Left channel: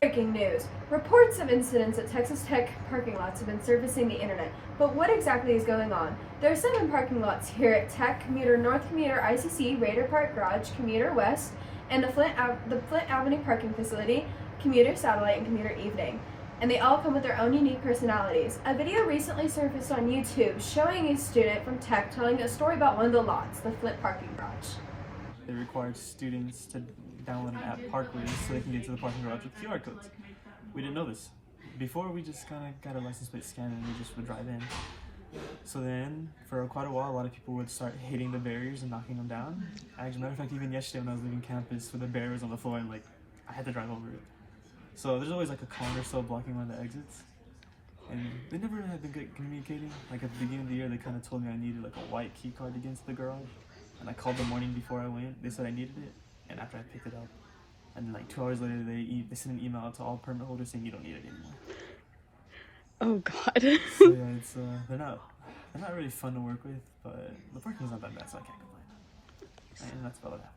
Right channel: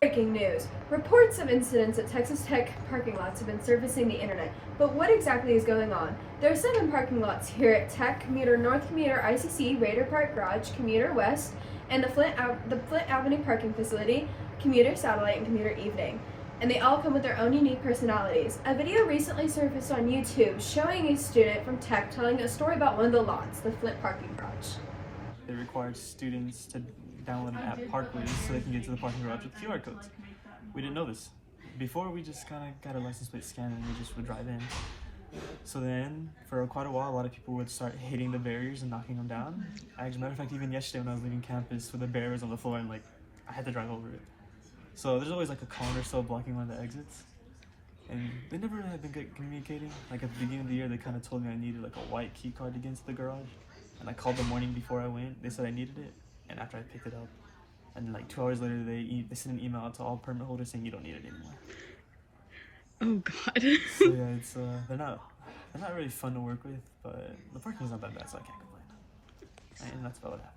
Breaking news. Reports of incidents at Texas Tech parking lots have been surfacing the internet, but what exactly is going on? There are 7 parking lots here at Tech, Commuter North, Commuter ICC, Raider Park Garage, Commuter West, and the Flint Avenue parking facility, Commuter Satellite, and Commuter Evening. And they all come with their own unique personalities. A video recently surfaced on YouTube showing a student from Tech telling a story about one of the lots, the Flint parking garage. They required students to download an app, Parkways, so they can get to the parking garage with QR codes. We didn't know this. Before, we just kind of got a license plate scan and we just would drive in. So then, for quite a while, a lot of people would start hitting the barriers and knocking them down. As a matter of fact, even yesterday when I was leaving campus, with the barrier was on the floor and I had to drive over it. So there's always a cone or so blocking one of the exits. And they never really have been good communicating. At the beginning of the year, they kind of told me I needed a white key card to get into the garage. And I called the morning before I went. They said I needed it, and after I picked it up, and 2 hours later, they sent an email out to all permit holders saying you don't need it anymore. Oh God. So yeah, it's they're not really fun to work with, but the parking's not that bad, so I can't complain. And that's about what happened.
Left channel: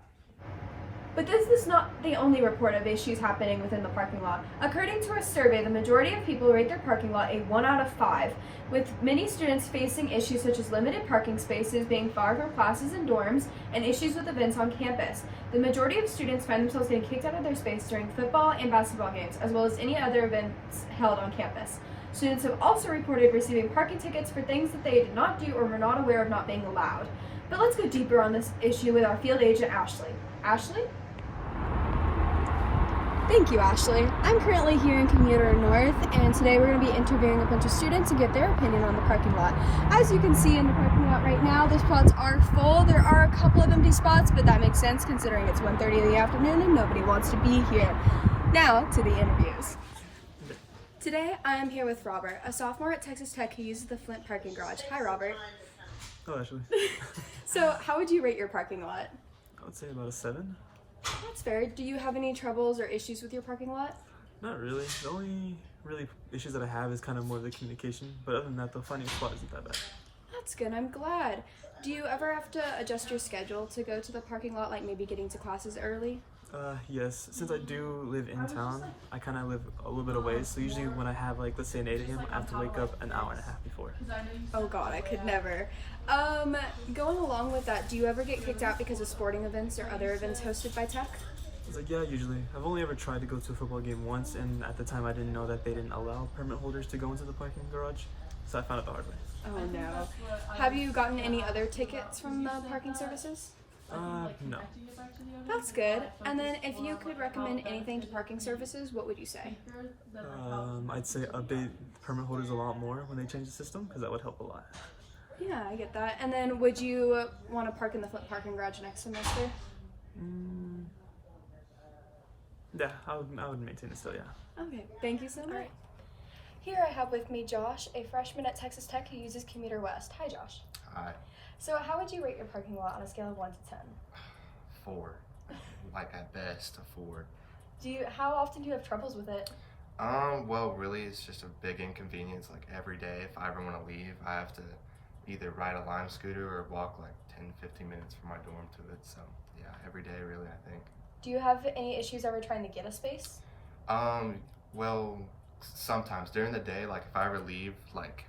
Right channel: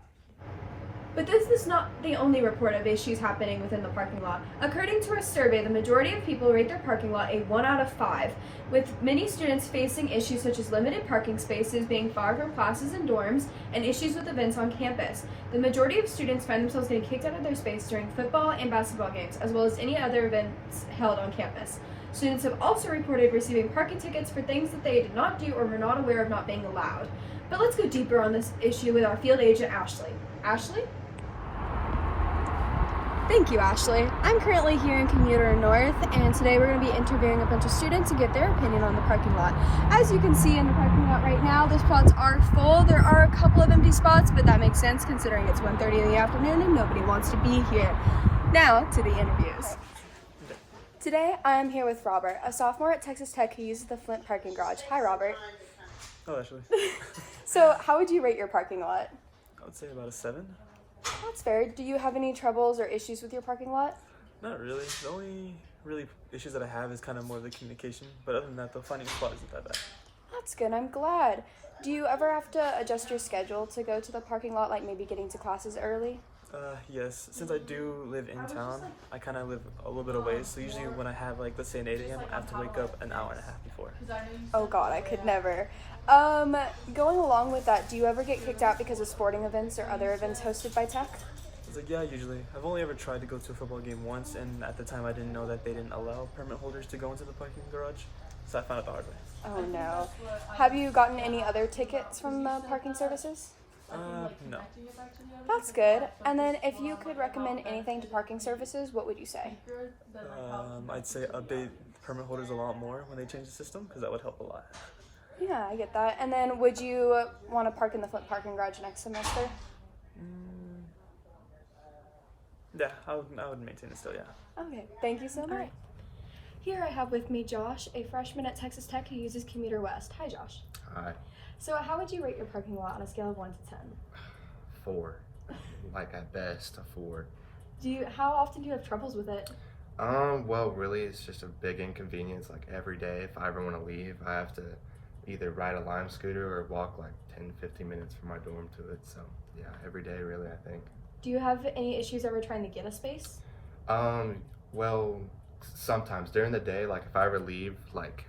But this is not the only report of issues happening within the parking lot. According to a survey, the majority of people rate their parking lot a 1 out of 5, with many students facing issues such as limited parking spaces, being far from classes and dorms, and issues with events on campus. The majority of students find themselves getting kicked out of their space during football and basketball games, as well as any other events held on campus. Students have also reported receiving parking tickets for things that they did not do or were not aware of not being allowed. But let's go deeper on this issue with our field agent, Ashley. Ashley? Thank you, Ashley. I'm currently here in Commuter North, and today we're going to be interviewing a bunch of students to get their opinion on the parking lot. As you can see in the parking lot right now, the spots are full. There are a couple of empty spots, but that makes sense considering it's 1:30 in the afternoon and nobody wants to be here. Now to the interviews. Today I am here with Robert, a sophomore at Texas Tech who uses the Flint parking garage. Hi, Robert. Oh, Ashley. So how would you rate your parking lot? I would say about a 7. That's fair. Do you have any troubles or issues with your parking lot? Not really. The only really issues that I have is kind of more of the communication, but other than that, the finding a spot isn't that bad. That's good. I'm glad. Do you ever have to adjust your schedule to go to the parking lot, like maybe getting to classes early? Yes. Since I do live in town, I kind of live a little bit away, so usually when I have let's say an 8 a.m., I have to wake up an hour and a half before. Oh God, I could never. Going along with that, do you ever get kicked out because of sporting events or other events hosted by Tech? It's yeah, usually. I've only ever tried to go to a football game once, and at the time I didn't know that they didn't allow permit holders to go into the parking garage, so I found it the hard way. Oh no. Have you gotten any other tickets from parking services? No. That's good. And then if you could recommend anything to parking services, what would you say? I'd say update permit holders a lot more when they change the system, because that would help a lot. Yeah, I get that. And then would you want to park in the Flint parking garage next semester? Yeah, I would maintain it still, yeah. Okay, thank you so much. Here I have with me Josh, a freshman at Texas Tech who uses Commuter West. Hi, Josh. Hi. So how would you rate your parking lot on a scale of 1 to 10? 4. At best, a 4. How often do you have troubles with it? Well, really, it's just a big inconvenience. Every day, if I ever want to leave, I have to either ride a Lime scooter or walk 10 to 15 minutes from my dorm to it. So, yeah, every day, really, I think. Do you have any issues ever trying to get a space? Well, sometimes during the day, if I ever leave,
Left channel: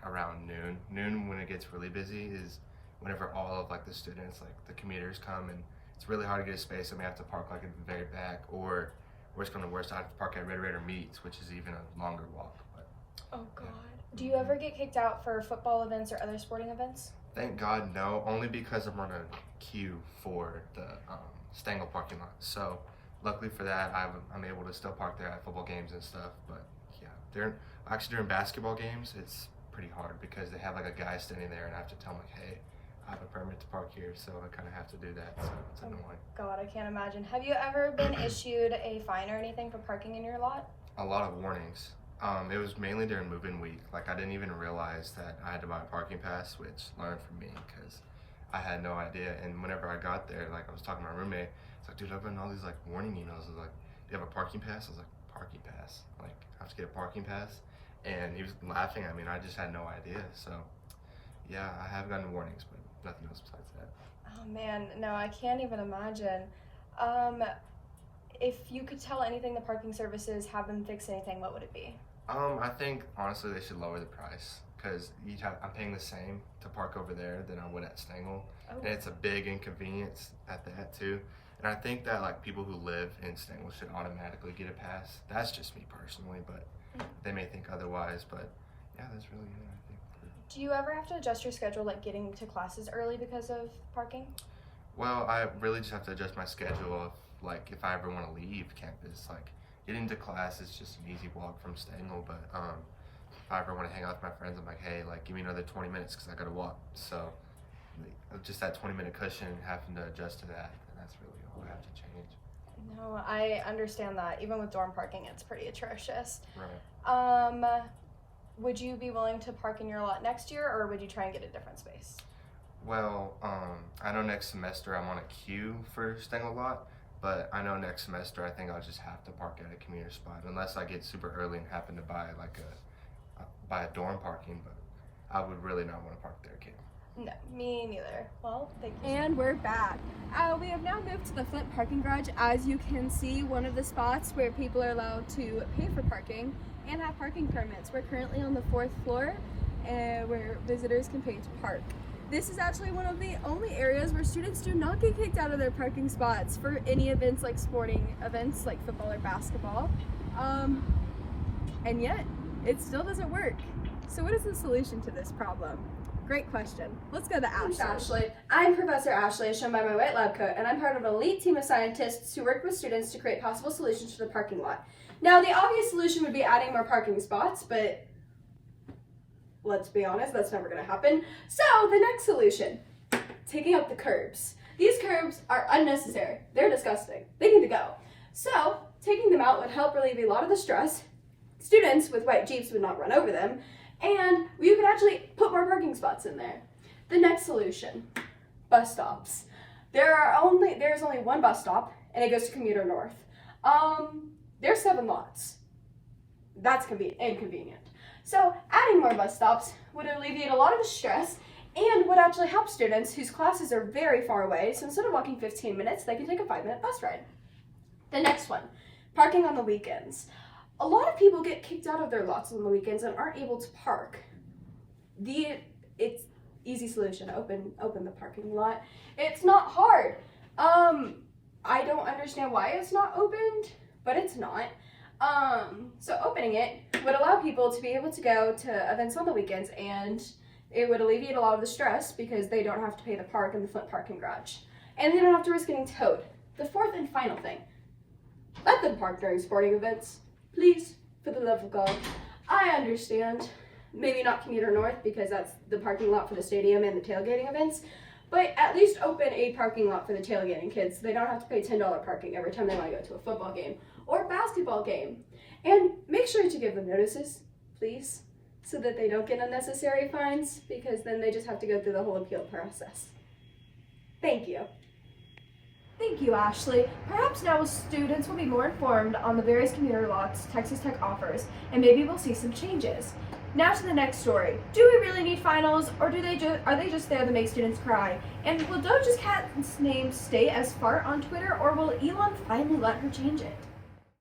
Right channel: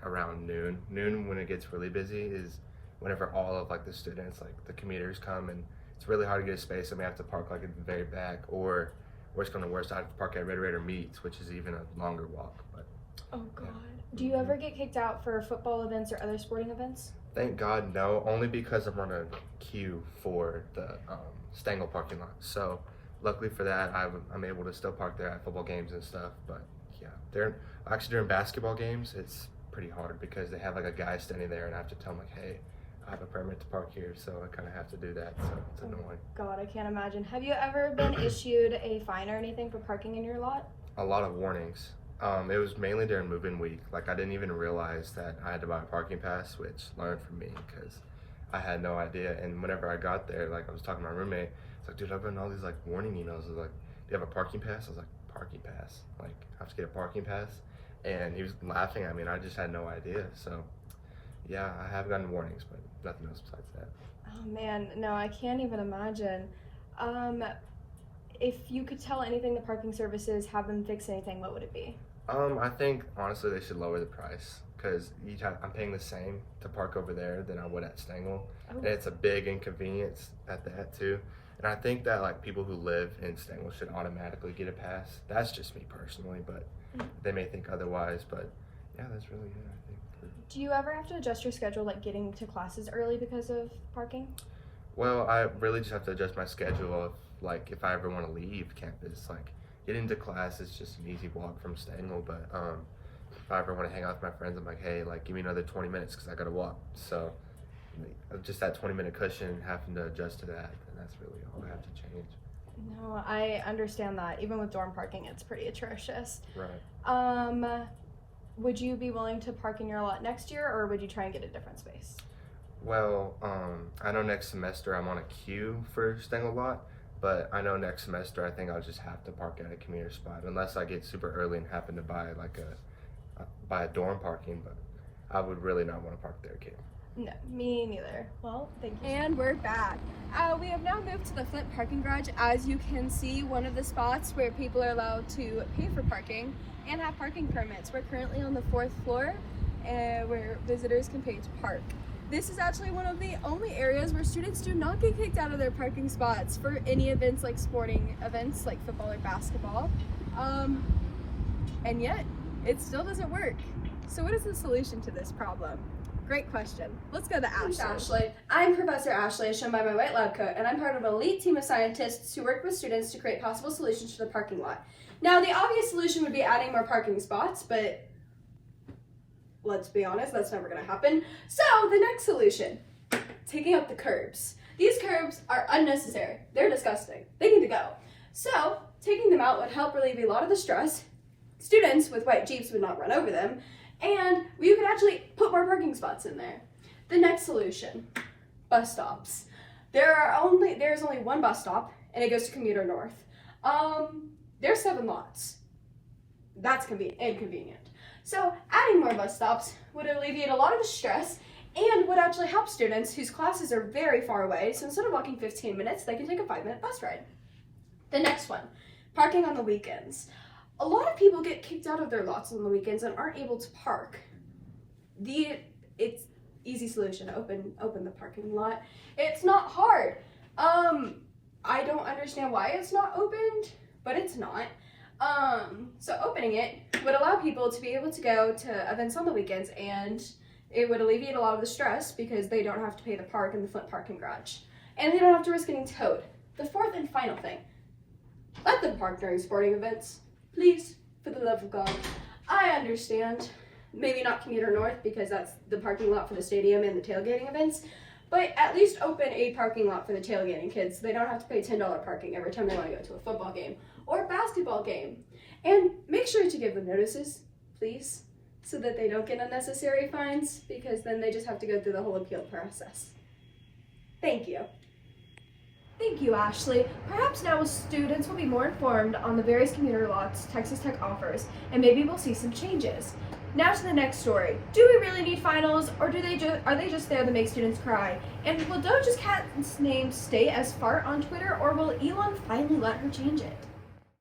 around noon when it gets really busy is whenever all of the students, the commuters come, and it's really hard to get a space, and we have to park at the very back, or worse come to worse, I have to park at Raider Meets, which is even a longer walk. But oh God. Yeah. Do you ever get kicked out for football events or other sporting events? Thank God, no. Only because I'm on a queue for the Stengel parking lot. So luckily for that, I'm able to still park there at football games and stuff. But yeah, during basketball games, it's pretty hard because they have a guy standing there, and I have to tell him hey, I have a permit to park here, so I kind of have to do that, so it's annoying. God, I can't imagine. Have you ever been issued a fine or anything for parking in your lot? A lot of warnings. It was mainly during move-in week. I didn't even realize that I had to buy a parking pass, which learned from me because I had no idea. And whenever I got there, I was talking to my roommate, it's dude, I've gotten all these warning emails. It was do you have a parking pass? I was like, parking pass? I have to get a parking pass? And he was laughing at me, and I just had no idea. So yeah, I have gotten warnings, but nothing else besides that. Oh man, no, I can't even imagine. if you could tell anything the parking services have them fix anything, what would it be? I think honestly they should lower the price because I'm paying the same to park over there than I would at Stengel, and it's a big inconvenience at that too. And I think that like people who live in Stengel should automatically get a pass. That's just me personally, but they may think otherwise. But yeah, that's really it, I think. Do you ever have to adjust your schedule, like getting to classes early because of parking? Well, I really just have to adjust my schedule of like if I ever want to leave campus. Like getting to class is just an easy walk from Stengel, but if I ever want to hang out with my friends, I'm like, hey, like give me another 20 minutes because I gotta walk. So just that 20-minute cushion, having to adjust to that, and that's really all I have to change. No, I understand that. Even with dorm parking, it's pretty atrocious. Right. Would you be willing to park in your lot next year, or would you try and get a different space? Well, I know next semester I'm on a queue for Stengel lot, but I know next semester I think I'll just have to park at a commuter spot unless I get super early and happen to buy like buy a dorm parking, but I would really not want to park there, kid. No, me neither. Well, thank you. And we're back. We have now moved to the Flint parking garage. As you can see, one of the spots where people are allowed to pay for parking and have parking permits. We're currently on the 4th floor where visitors can pay to park. This is actually one of the only areas where students do not get kicked out of their parking spots for any events like sporting events like football or basketball. And yet, it still doesn't work. So what is the solution to this problem? Great question. Let's go to Ashley. I'm Professor Ashley, as shown by my white lab coat, and I'm part of an elite team of scientists who work with students to create possible solutions to the parking lot. Now, the obvious solution would be adding more parking spots, but let's be honest, that's never going to happen. So, the next solution, taking out the curbs. These curbs are unnecessary. They're disgusting. They need to go. So, taking them out would help relieve a lot of the stress. Students with white Jeeps would not run over them, and you could actually put more parking spots in there. The next solution, bus stops. There's only one bus stop, and it goes to Commuter North. There's 7 lots. That's inconvenient. So adding more bus stops would alleviate a lot of the stress and would actually help students whose classes are very far away. So instead of walking 15 minutes, they can take a 5-minute bus ride. The next one, parking on the weekends. A lot of people get kicked out of their lots on the weekends and aren't able to park. It's easy solution, open the parking lot. It's not hard. I don't understand why it's not opened, but it's not. So opening it would allow people to be able to go to events on the weekends, and it would alleviate a lot of the stress because they don't have to pay to park in the Flint parking garage. And they don't have to risk getting towed. The 4th and final thing, let them park during sporting events. Please, for the love of God. I understand, maybe not Commuter North because that's the parking lot for the stadium and the tailgating events, but at least open a parking lot for the tailgating kids so they don't have to pay $10 parking every time they want to go to a football game or basketball game. And make sure to give them notices, please, so that they don't get unnecessary fines, because then they just have to go through the whole appeal process. Thank you. Thank you, Ashley. Perhaps now students will be more informed on the various commuter lots Texas Tech offers, and maybe we'll see some changes. Now to the next story. Do we really need finals, or are they just there to make students cry? And will Doja's cat's name stay as fart on Twitter, or will Elon finally let her change it?